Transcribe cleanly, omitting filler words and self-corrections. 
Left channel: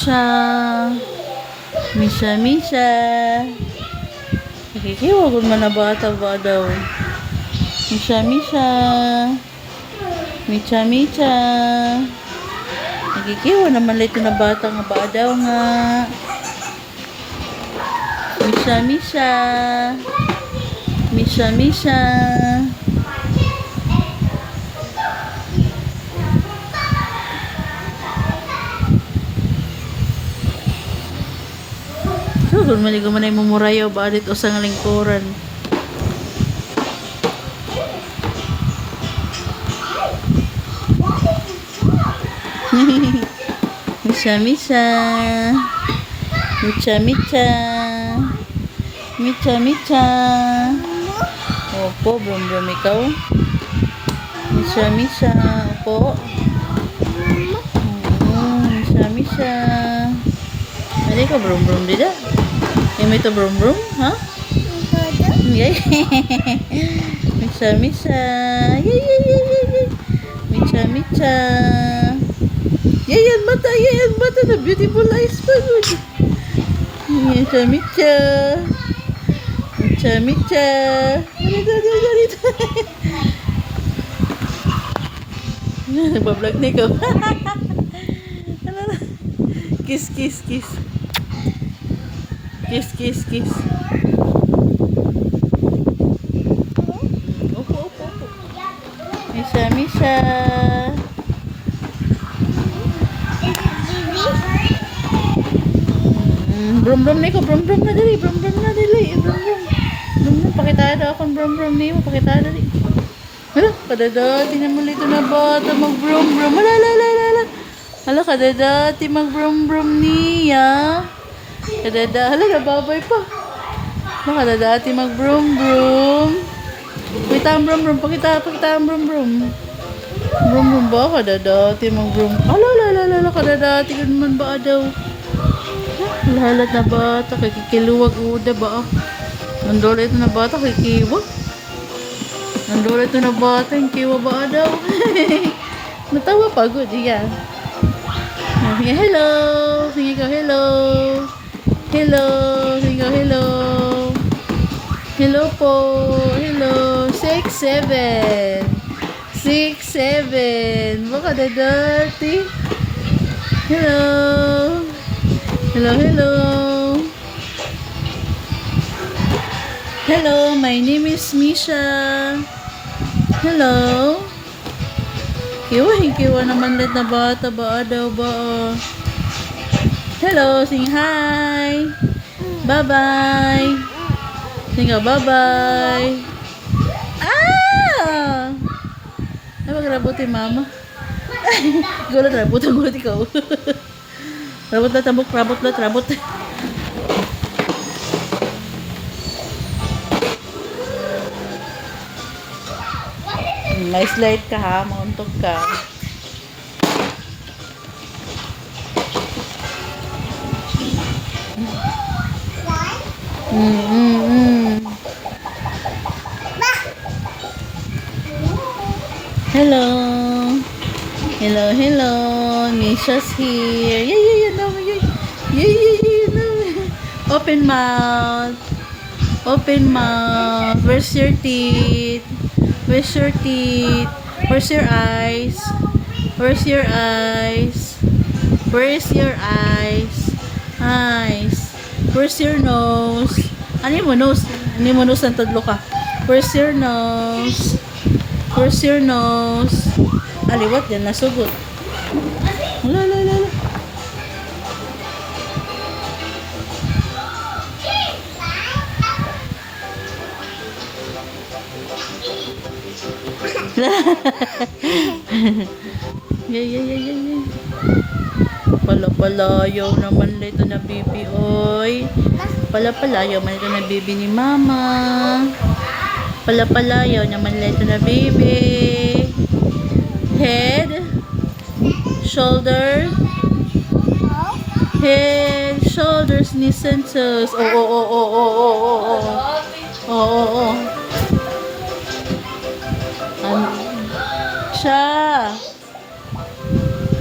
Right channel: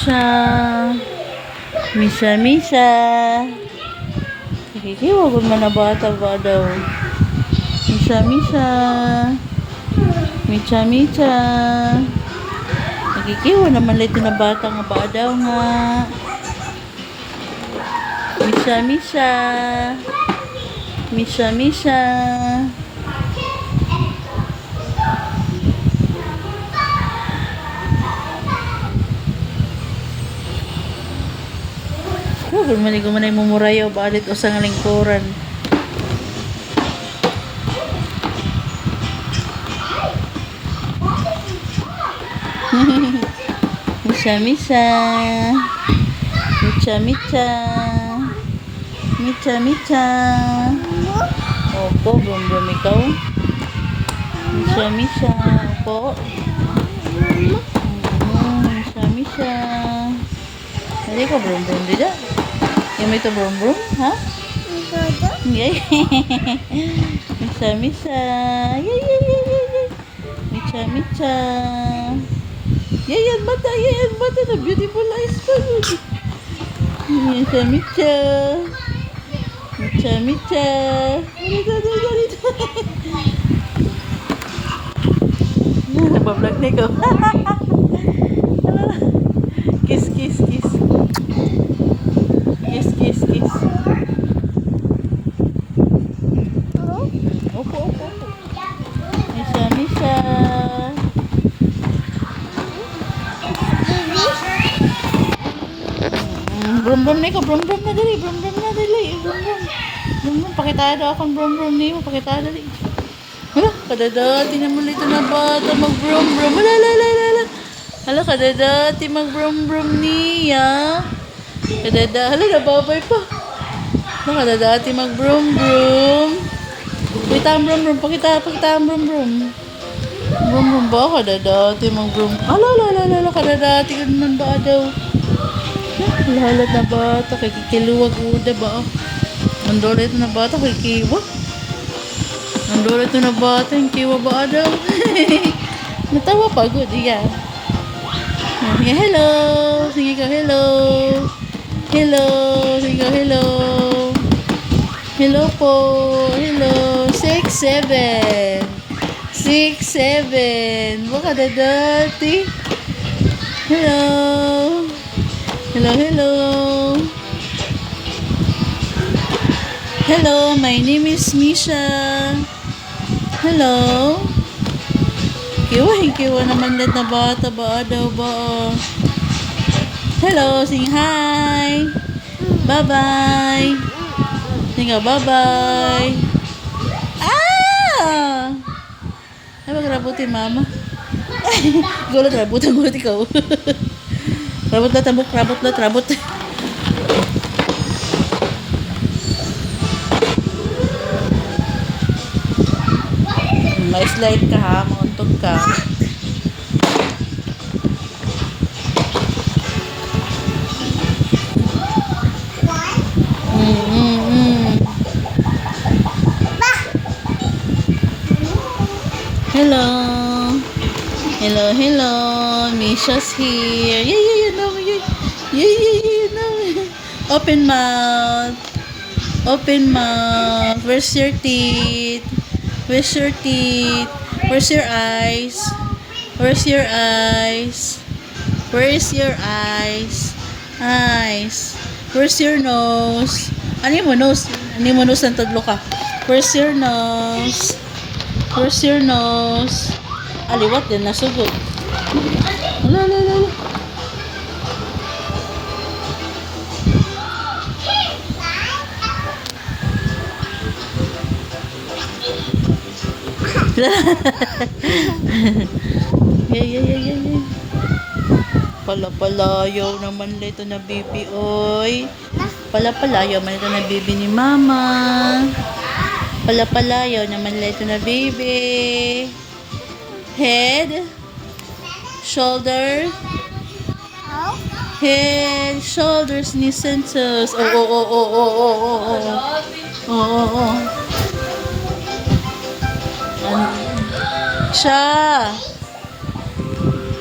Misa. Misa, misa. Nakikiwag man na bata ba daw. Misa, misa. Misa, misa. Nakikiwag naman lito na bata nga ba daw nga. Misa, misa. Misa, misa. So, kung maligo man ay mumurayo, balit o sa lingkuran. Misa, misa. Micha, micha. Micha, micha. Opo, brum-brum ikaw. Misa, misa. Opo. Misa, misa. Hindi ka brum-brum dida. Yung ito brum-brum, ha? Yay. Misa, misa. Yay, yay, yay, yay. Micha, micha. Yay, yan mata. Yay, yan mata. Na beautiful eyes pa. Micha, micha. Micha, micha. Ganito, ganito. Nabablog na ikaw. Kiss, kiss, kiss. Kiss, kiss, kiss. Opo, opo, opo. Misa, misa. Brum-brum na ikaw. Brum-brum na dali. Brum-brum na dali. Brum-brum. Brum-brum. Pakitada akong brum-brum niyo. Pakitada dali. Hala, kadadati naman ito na bata mag-brum-brum. Hala, hala, hala, hala. Hala, kadadati mag-brum-brum niya. Kadada, hala, nababay pa. Hala, kadadati mag-brum-brum. Pakita ang brum-brum. Pakita ang brum-brum. Brum-brum ba? Kadadati mag-brum. Hala, hala, hala, hala. Kadadati ka naman ba daw? Lahat na bata. Kikiluwag uda ba? Nandola ito na bata. Kikiwa. Nandola ito na bata. Kikiwa ba daw? Natawa pa. Good. Yeah. Sige, hello. Sige ka, hello. Hello. Sige ka, hello. Hello po. Hello. 6, 7. 6, 7. Baka na dati. Hello. Hello, hello. Hello, my name is Misha. Hello. Kiwa naman lahat na bata ba daw ba? Hello, sing hi. Bye-bye. Sing bye-bye. Ah! Ay, magrabutin mama. Gulat, rabutin gulat ikaw. Rabot na tabok, rabot na, rabot. Nice light ka ha, mauntog ka. Hello. Hello, hello. Misha's here. Yeah, no. Yeah, no. Open mouth. Open mouth. Where's your teeth? Where's your teeth? Where's your eyes? Where's your eyes? Where's your eyes? Eyes. Where's your nose? Ano mo nose? Ano mo nose ng tudlo ka? Where's your nose? Where's your nose? Aliwat din, nasugot. Hala, hala, hala. Yeah. Palapalayaw naman ito na bibi, oy. Palapalayaw naman ito na bibi ni mama. Palapalayaw naman ito na bibi. Head. Shoulder. Head, shoulders, knees, and toes. Oh. Siya.